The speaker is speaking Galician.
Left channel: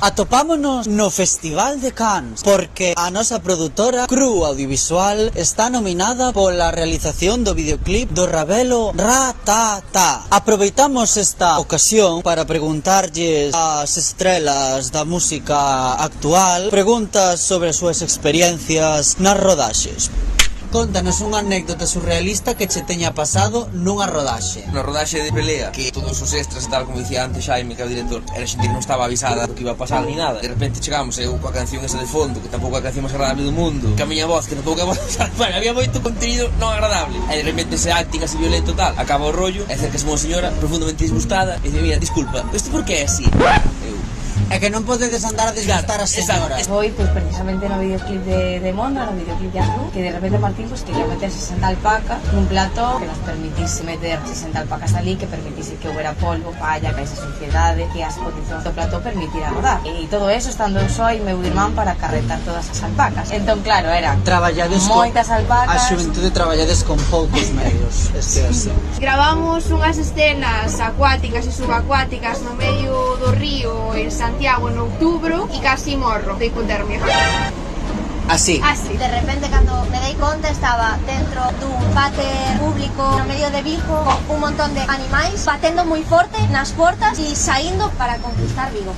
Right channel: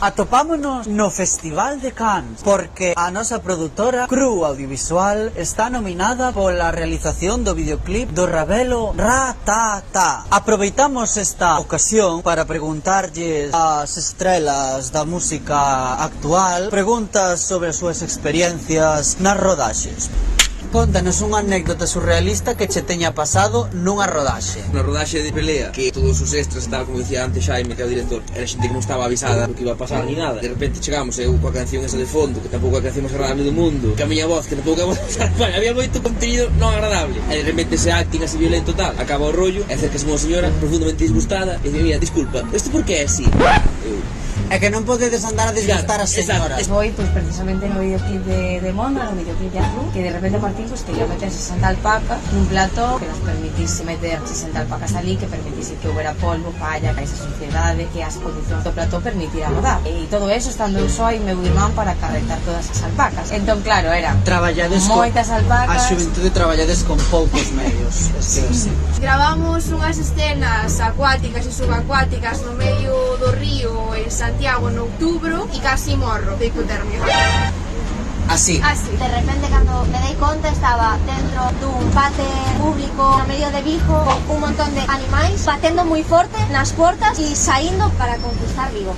Atopámonos no Festival de Cannes porque a nosa produtora Cru Audiovisual está nominada pola realización do videoclip do Ravelo Ra-Ta-Ta. Aproveitamos esta ocasión para preguntarlles ás estrelas da música actual preguntas sobre as súas experiencias nas rodaxes. Contanos unha anécdota surrealista que che teña pasado nunha rodaxe. Na rodaxe de Pelea, que todos os extras estaban, como dicía antes Xaime, que é o director, era xente que non estaba avisada do que iba a pasar ni nada. De repente chegamos eu coa canción esa de fondo, que tampouco a canción máis agradable do mundo, que a miña voz, que tampouco a voz, bueno, había moito contenido non agradable. E de repente ese acting así violento tal, acaba o rollo, e acerca unha señora profundamente disgustada, e dice, mira, disculpa, isto por que é así? É que non podedes andar a disgustar as señoras. Foi precisamente no videoclip de Mona, no videoclip de Azul, que de repente Martín quería meter 60 alpacas nun plató que nos permitise meter 60 alpacas ali, que permitise que houbera polvo, falla, que esa suciedade, que as condicións do plató permitira rodar. E todo eso estando eu só e meu irmán para carretar todas as alpacas. Entón, claro, era moitas alpacas. A xuventude traballades con poucos medios. Gravamos unhas escenas acuáticas e subacuáticas no medio do río en Santiago en outubro e casi morro de hipotermia. Así. De repente, cando me dei conta, estaba dentro dun váter público no medio de Vigo con un montón de animais batendo moi forte nas portas e saindo para conquistar Vigo.